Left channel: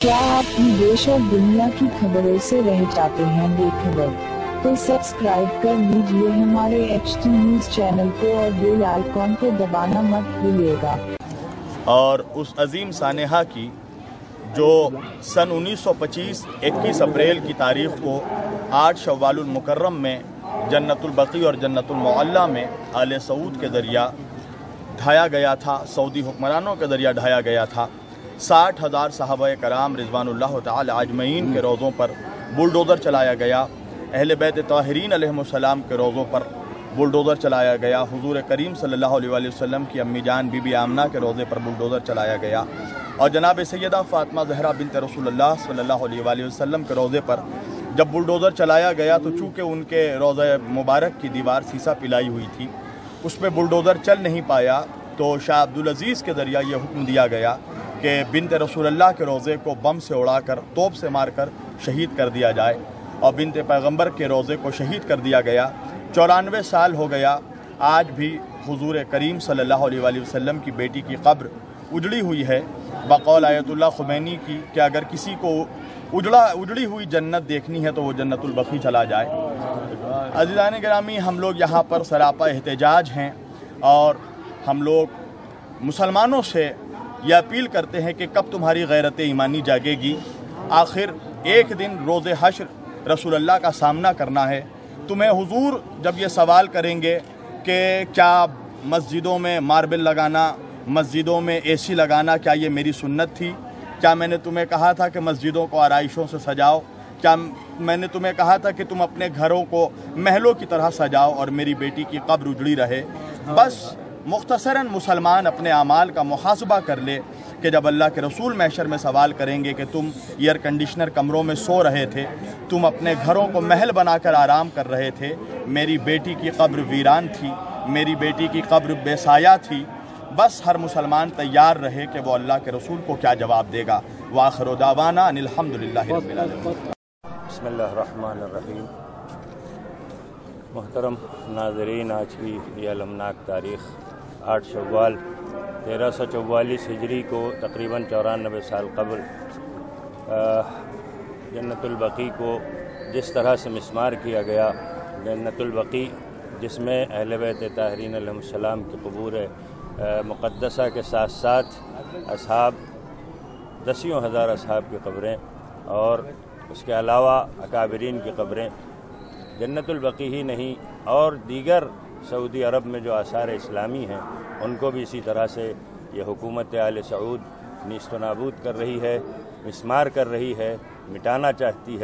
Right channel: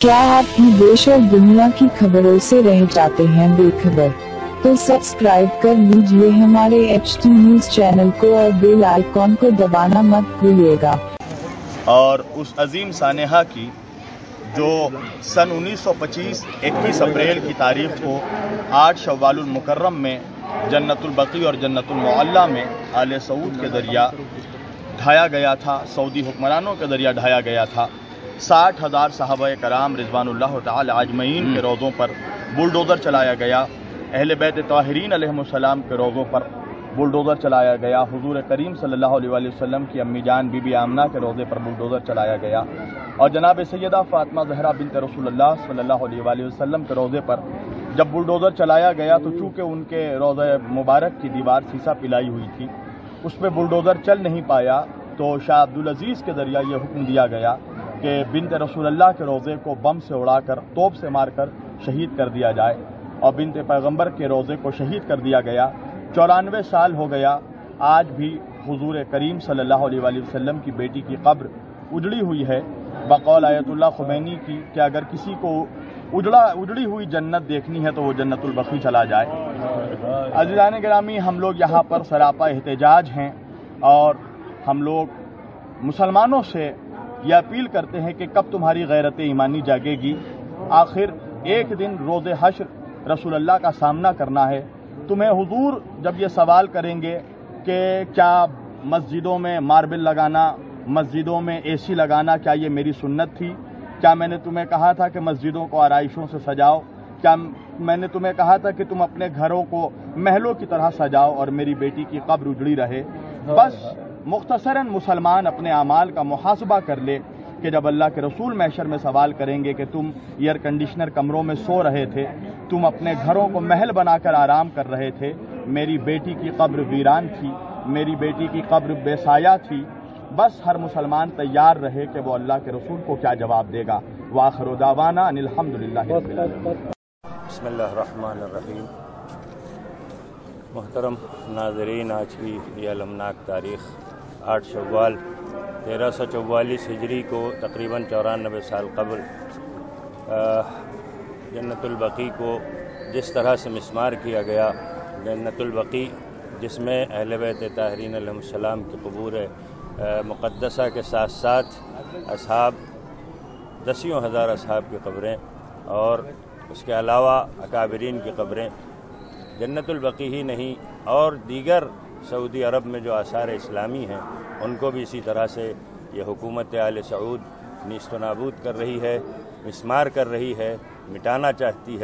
क्या आप देश और दुनिया की खबरों से रह जाते हैं बेखबर? तो सब्सक्राइब कर लीजिए हमारे HT न्यूज़ चैनल को और बेल आइकॉन को दबाना मत भूलिएगा। और उस अजीम सानेहा की जो सन 1925 21 अप्रैल की तारीख को 8 शव्वालुल मुकर्रम में जन्नतुल बकी और जन्नतुल मुअल्ला में आले सऊद के दरिया ढाया गया था, सऊदी हुक्मरानों के दरिया ढाया गया था। 60,000 सहाबा कराम रिज़वानुल्लाह ताला अजमईन के रोज़ों पर बुलडोज़र चलाया गया। अहले बैत ताहिरीन अलैहिमुस्सलाम के रोज़ों पर बुलडोज़र चलाया गया। हुज़ूर करीम सल्लल्लाहु अलैहि वसल्लम की अम्मी जान बीबी आमना के रोज़े पर बुलडोज़र चलाया गया। और जनाब सैयदा फ़ातिमा ज़हरा बिन्त रसूलुल्लाह सल्लल्लाहु अलैहि वसल्लम के रोज़े पर जब बुलडोज़र चलाया गया तो चूँकि उनके रोज़े मुबारक की दीवार सीसा पिलाई हुई थी, उस पर बुलडोज़र चल नहीं पाया, तो शाह अब्दुल अज़ीज़ के ज़रिया ये हुक्म दिया गया कि बिन्त रसूलुल्लाह के रोज़े को बम से उड़ाकर तोप से मारकर शहीद कर दिया जाए। और बिन्त पैगंबर के रोज़े को शहीद कर दिया गया। 94 साल हो गया, आज भी हुज़ूर करीम सल्लल्लाहु अलैहि वसल्लम की बेटी की कब्र उजड़ी हुई है। बक़ौल आयतुल्लाह ख़ुमैनी की कि अगर किसी को उजड़ी हुई जन्नत देखनी है तो वो जन्नतुल बक़ी चला जाए। अज़ीज़ान गिरामी, हम लोग यहाँ पर सरापा एहतजाज हैं और हम लोग मुसलमानों से यह अपील करते हैं कि कब तुम्हारी गैरत ईमानी जागेगी। आखिर एक दिन रोज़े हश्र रसूलुल्लाह का सामना करना है। तुम्हें हुजूर जब ये सवाल करेंगे कि क्या मस्जिदों में मार्बल लगाना, मस्जिदों में AC लगाना, क्या ये मेरी सुन्नत थी? क्या मैंने तुम्हें कहा था कि मस्जिदों को आराइशों से सजाओ? क्या मैंने तुम्हें कहा था कि तुम अपने घरों को महलों की तरह सजाओ और मेरी बेटी की कब्र उजड़ी रहे? बस मुख्तसरन मुसलमान अपने आमाल का मुहासबा कर ले कि जब अल्लाह के रसूल महशर में सवाल करेंगे कि तुम एयर कंडीशनर कमरों में सो रहे थे, तुम अपने घरों को महल बनाकर आराम कर रहे थे, मेरी बेटी की कब्र वीरान थी, मेरी बेटी की कब्र बेसाया थी। बस हर मुसलमान तैयार रहे कि वो अल्लाह के रसूल को क्या जवाब देगा। वाखिरु दावाना अनिल हम्दुलिल्लाहि रब्बिल आलमीन। बिस्मिल्लाहिर्रहमानिर्रहीम। मुहतरम नाज़रीन, आज की ये अलमनाक तारीख़ 8 शव्वाल 1344 हिजरी को तकरीबन 94 साल कबल जन्नतुल बकी को जिस तरह से मिस्मार किया गया, जन्नतुल बकी जिसमें अहले बैत ताहिरीन अलैहिमुस्सलाम की क़बूर मुक़द्दसा के साथ साथ असहाब, दसियों हज़ार असहाब की क़ब्रें और उसके अलावा अकाबरीन की क़ब्रें, जन्नतुल बकी ही नहीं और दीगर सऊदी अरब में जो आसार इस्लामी हैं उनको भी इसी तरह से ये हुकूमत आले सऊद नीस्त व नाबूद कर रही है, मिस्मार कर रही है, मिटाना चाहती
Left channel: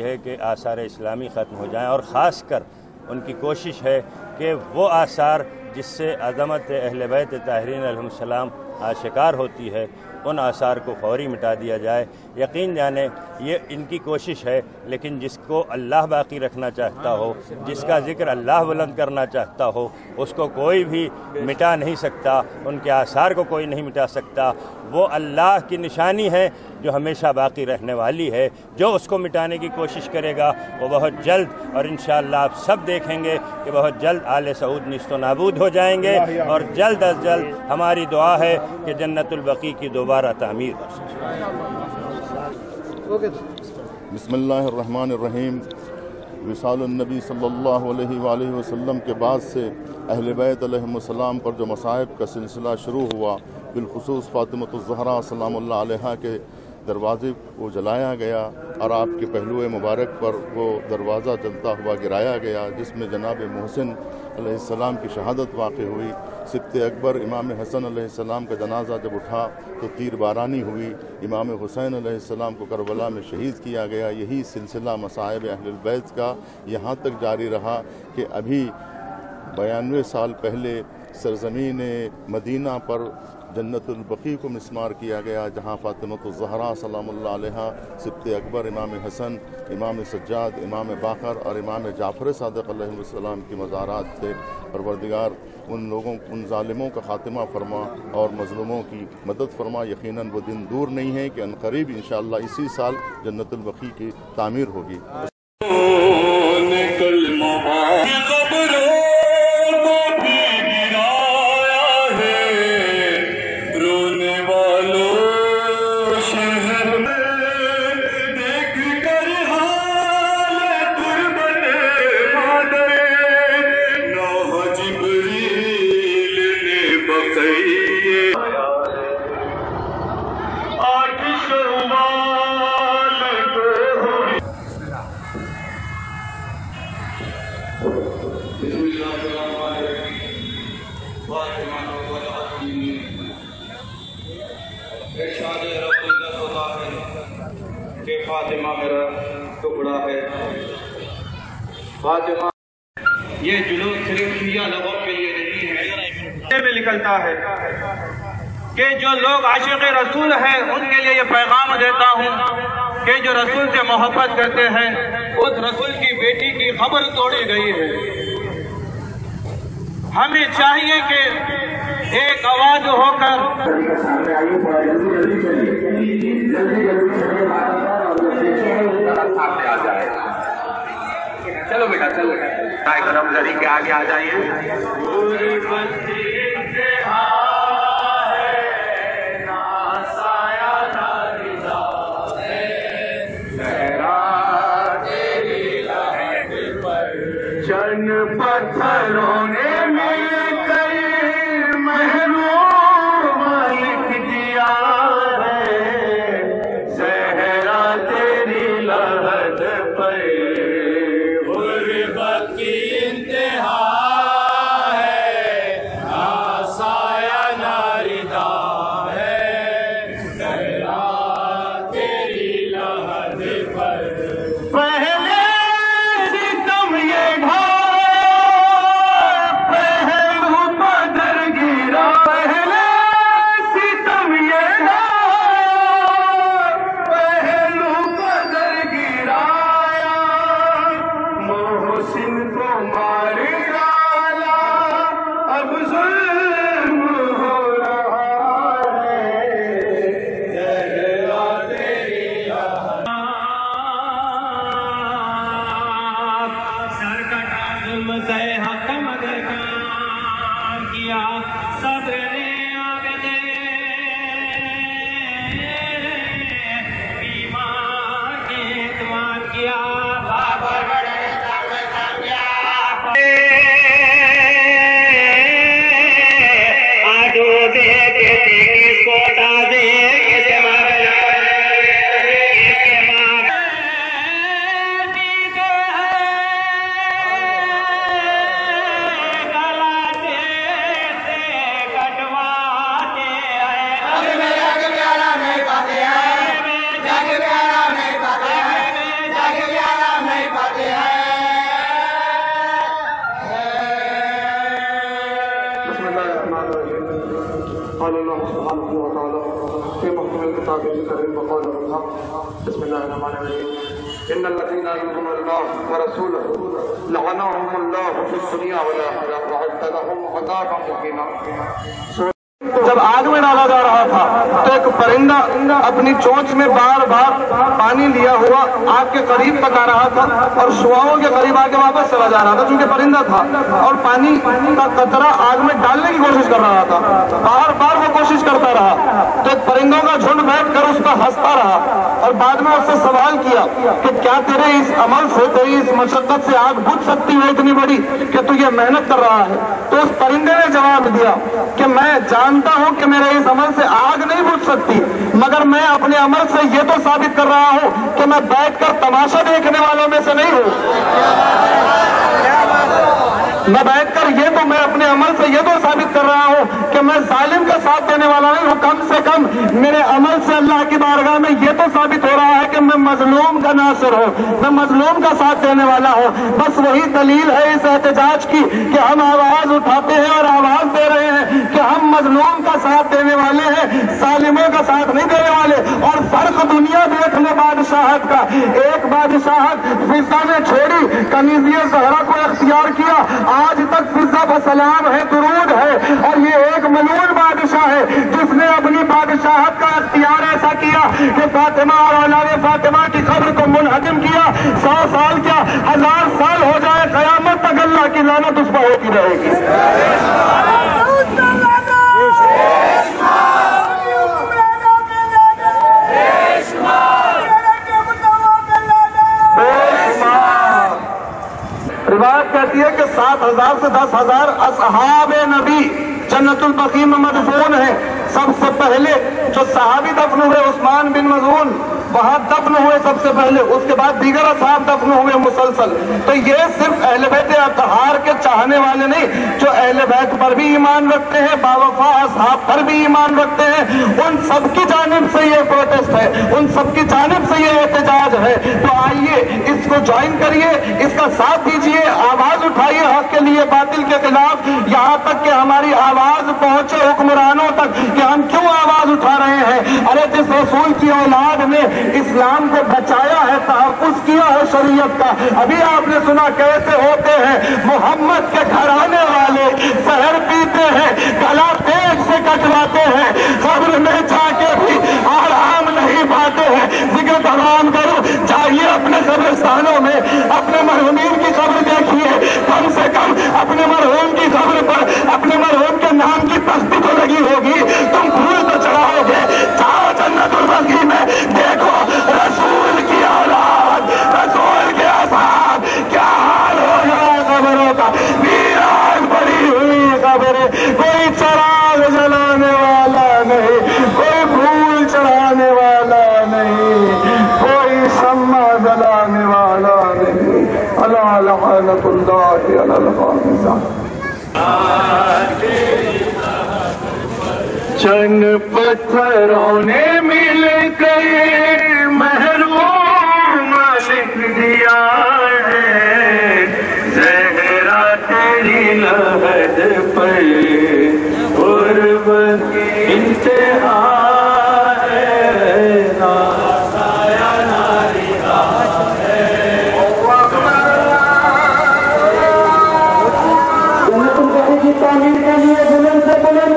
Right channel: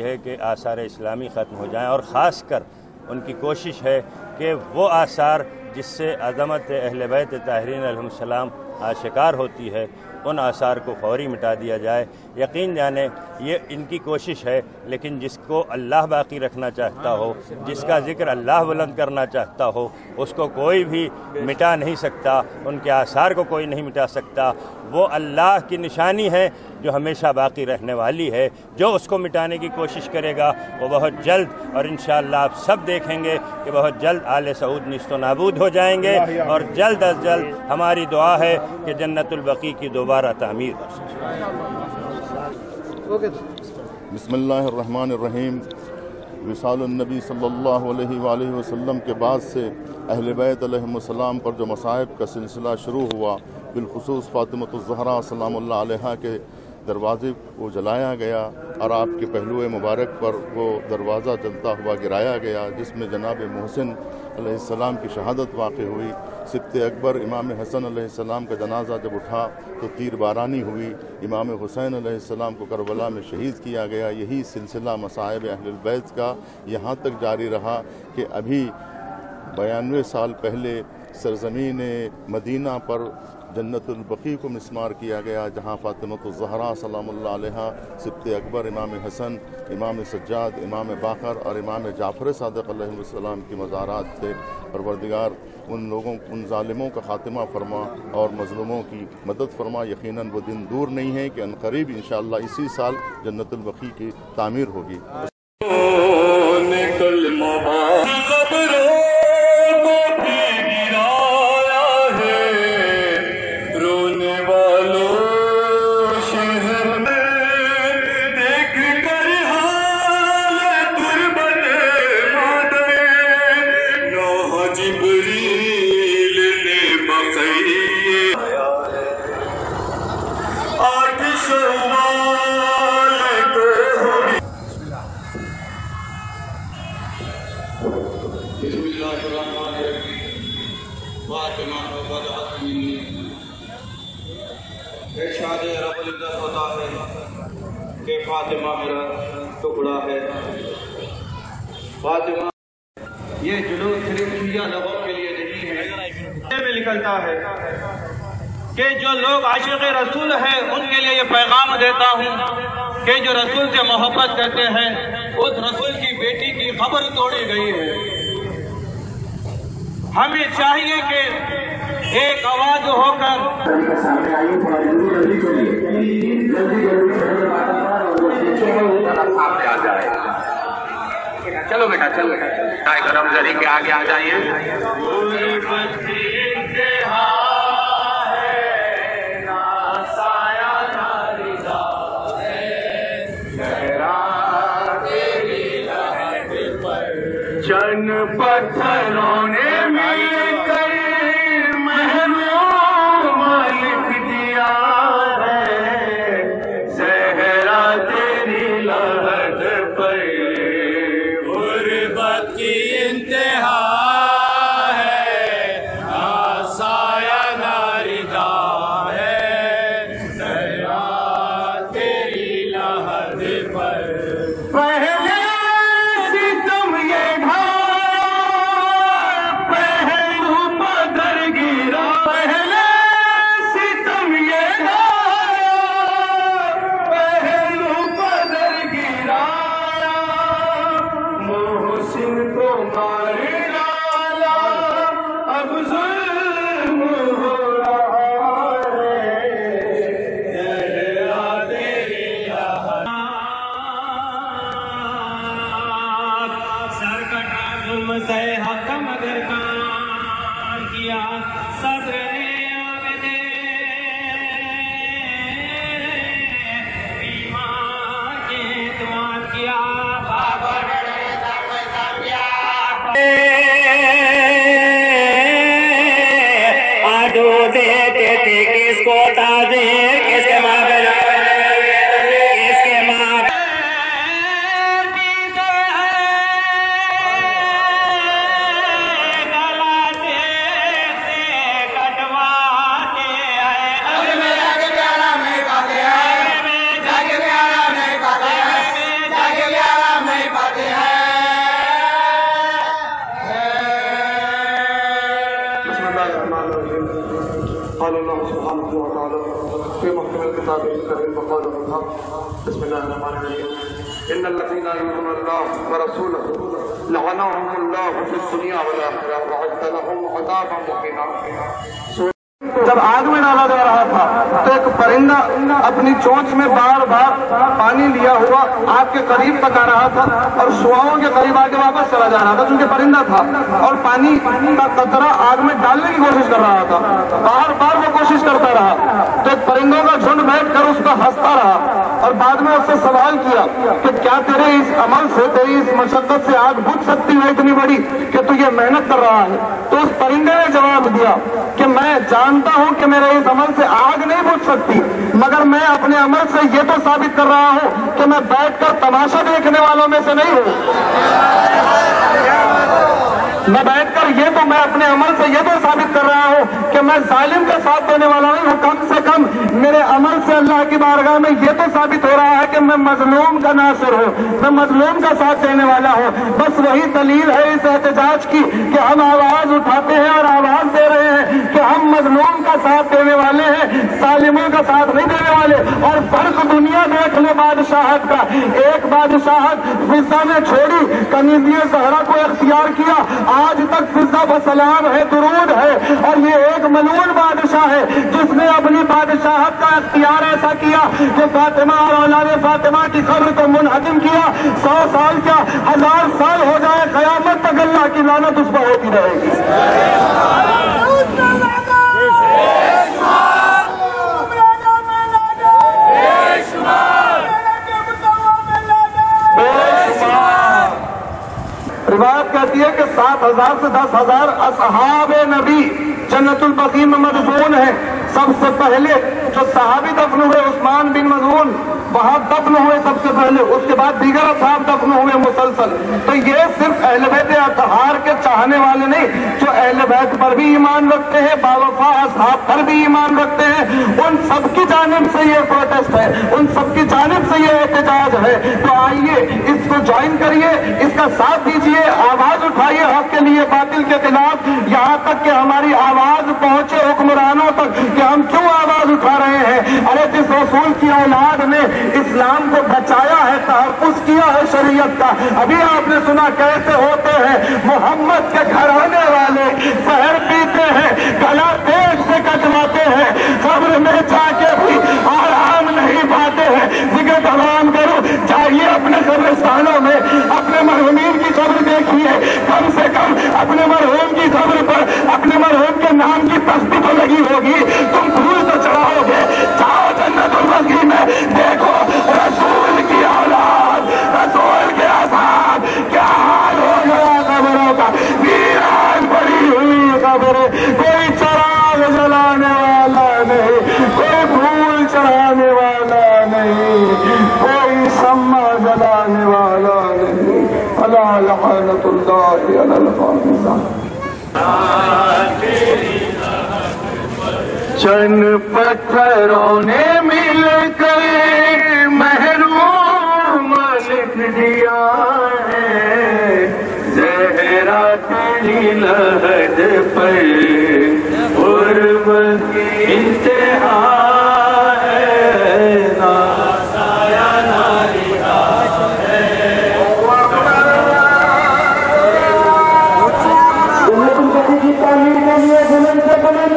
है कि आसार इस्लामी ख़त्म हो जाएं। और ख़ास कर उनकी कोशिश है कि वो आसार जिससे अज़मत अहले बैत ताहिरीन अलैहिमुस्सलाम आशिकार होती है, उन आसार को फौरी मिटा दिया जाए। यकीन जाने ये इनकी कोशिश है, लेकिन जिसको अल्लाह बाकी रखना चाहता हो, जिसका ज़िक्र अल्लाह बुलंद करना चाहता हो, उसको कोई भी मिटा नहीं सकता, उनके आसार को कोई नहीं मिटा सकता। वो अल्लाह की निशानी है जो हमेशा बाकी रहने वाली है। जो उसको मिटाने की कोशिश करेगा वो बहुत जल्द, और इंशाअल्लाह आप सब देखेंगे कि बहुत जल्द आले सऊद निस्तो नाबूद हो जाएंगे। और जल्द अज जल्द हमारी दुआ है कि जन्नतुल बकी की दोबारा तामीर हो सके। बिस्मिल्लाहिर्रहमानिर्रहीम। विसालुन नबी सल्लल्लाहु अलैहि वसल्लम के बाद से अहले बैत अलैहिमुस्सलाम पर जो मसाइब का सिलसिला शुरू हुआ, बिलखुसूस फ़ातिमतुज़ ज़हरा सलामुल्लाह अलैहा के दरवाज़े को जलाया गया और आपके पहलू मुबारक पर वो दरवाज़ा जलता हुआ गिराया गया, जिसमें जनाब मोहसिन अलैहिस्सलाम की शहादत वाक़ हुई। सिब्त अकबर इमाम हसन अलैहिस्सलाम का जनाजा जब उठा तो तीर बारानी हुई। इमाम हुसैन अलैहिस्सलाम को करबला में शहीद किया गया। यही सिलसिला मसाइब अहलुल बैत का यहाँ तक जारी रहा कि अभी 92 साल पहले सरज़मीन मदीना पर जन्नतुल बकी को मिस्मार किया गया, जहाँ फ़ातिमतुज़ ज़हरा सलामुल्लाह अलैहा, सिब्त अकबर, इमाम हसन, इमाम सज्जाद, इमाम बाक़र और इमाम जाफ़र सादिक़ अलैहिस्सलाम की मज़ारात थे। परवरदिगार उन लोगों, उन ज़ालिमों का ख़ात्मा फरमा और मज़लूमों की मदद फरमा। यकीनन वो दिन दूर नहीं है कि अनक़रीब इंशाअल्लाह इसी साल जन्नतुल बकी की तामीर होगी। रोने वालों शहर فاطمہ، یہ جلوس صرف شیعہ لوگوں کے لیے نہیں ہے، میں نکلتا ہے کہ جو لوگ عاشق رسول ہیں ان کے لیے یہ پیغام دیتا ہوں کہ جو رسول سے محبت کرتے ہیں اس رسول کی بیٹی کی قبر توڑی گئی ہے۔ ہمیں چاہیے کہ ایک آواز ہو کر چلو بیٹا چلو کرم زری کے آگے آ جائیے۔ چند پتھروں نے مل کر محروم لکھ دیا ہے، زہرا تیری لحد پر غربت کی انتہا ہے، نہ سایہ نہ رضا ہے، زہرا تیری لحد پر پہلے ستم یہ بسم الله الرحمن الرحيم ان الذين يؤمنون الله ورسوله لعنهم الله في الدنيا والاخره وعد لهم عذابا مهينا۔ جب آگ میں ڈالا جا رہا تھا تو ایک پرندہ اپنی چونچ میں بار بار پانی لیا ہوا آگ کے قریب تک آ رہا تھا اور شعاؤں کے قریب آ کے واپس چلا جا رہا تھا چونکہ پرندہ تھا اور پانی کا قطرہ آگ میں ڈالنے کی کوشش کر رہا تھا، بار بار وہ کوشش کرتا رہا تو ایک پرندوں کا جھنڈ بیٹھ کر اس پر ہنستا رہا اور بعد میں اس سے سوال کیا کہ کیا تیرے اس عمل سے، تیری اس مشقت سے آگ بجھ سکتی ہے اتنی بڑی کہ تو یہ محنت کر رہا ہے؟ تو اس پرندے نے جواب دیا کہ میں جانتا ہوں کہ میرے اس عمل سے آگ نہیں بجھ سکتی، مگر میں اپنے عمل سے یہ تو ثابت کر رہا ہوں کہ میں بیٹھ کر تماشا دیکھنے والوں میں سے نہیں ہوں، میں بیٹھ کر میں اپنے عمل سے یہ تو ثابت کر رہا ہوں کہ میں ظالم کا ساتھ دینے والا نہیں ہوں، کم سے کم میرے عمل سے اللہ کی بارگاہ میں یہ تو ثابت ہو رہا ہے کہ میں مظلوم کا ناصر ہوں، میں مظلوم کا ساتھ دینے والا ہوں۔ بس وہی دلیل ہے اس احتجاج کی کہ ہم آواز اٹھاتے ہیں اور آواز دے رہے ہیں کہ ہم مظلوم کا ساتھ دینے والے ہیں، ظالموں کا ساتھ نہیں دینے والے۔ اور فرق دنیا دیکھ لے بادشاہت کا، ایک بادشاہت فضا نے چھوڑی، کنیزیہ زہرا کو اختیار کیا، آج تک فضا بسلام ہے، درود ہے، اور یہ ایک ملعون بادشاہ ہے جس نے اپنی بادشاہت کا اختیار ایسا کیا کہ فاطمہ اور اولاد فاطمہ کی قبر کو منہدم کیا۔ 100 سال کیا 1000 سال ہو جائے، قیامت تک اللہ کی لعنت اس پر ہوتی رہے گی۔ روایت کہتی ہے کہ 7000 سے 10,000 اصحاب نبی جنت البقیع میں مدفون ہیں۔ سب سے پہلے جو صحابی دفن ہوئے عثمان بن مظعون وہاں دفن ہوئے سب سے پہلے، اس کے بعد دیگر اصحاب دفن ہوئے مسلسل۔ تو یہ صرف اہل بیت اطہار کے چاہنے والے نہیں، جو اہل بیت پر بھی ایمان رکھتے ہیں، باوفا اصحاب پر بھی ایمان رکھتے ہیں، ان سب کی جانب سے یہ پروٹیسٹ ہے، ان سب کی جانب سے یہ احتجاج ہے۔ تو آئیے اس کو کو جوائن کریے، اس کا ساتھ دیجیے، آواز اٹھائیے حق کے لیے باطل کے خلاف، یہاں تک کہ ہماری آواز پہنچے حکمرانوں تک کہ ہم کیوں آواز اٹھا رہے ہیں۔ ارے جس رسول کی اولاد نے اسلام کو بچایا ہے، تحفظ کیا ہے شریعت کا، ابھی آپ نے سنا کیسے ہوتے ہیں محمد کے گھرانے والے، زہر پیتے ہیں، گلا پیٹ سے کٹواتے ہیں، قبر میں جا کے بھی آرام نہیں پاتے ہیں۔ ذکر تمام کرو، جائیے اپنے قبرستانوں میں، اپنے مرحومین کی قبر دیکھیے، کم سے کم اپنے مرحوم کی قبر پر اپنے مرحوم کے نام کی تختی تو لگی ہوگی، تم پھول تو چڑھاؤ گے۔ جاؤ جنت البقیع میں دیکھو رسول کی اولاد، رسول کے اصحاب، کیا حال ہو گیا قبروں کا، ویران پڑی ہوئی قبریں، کوئی چراغ جلانے والا نہیں، کوئی پھول چڑھانے والا نہیں، کوئی شمع جلانے والا نہیں۔ الا لعنت اللہ علی الخامسہ۔ چند پتھروں نے مل کر محروم لکھ دیا ہے، زہرا تیری لہد پر قرب کی انتہا ہے، نا سایہ نا نگاہ ہے۔ جنت البقیع کی تعمیر کے لیے بلند سے بلند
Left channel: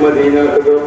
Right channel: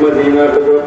مدینہ کو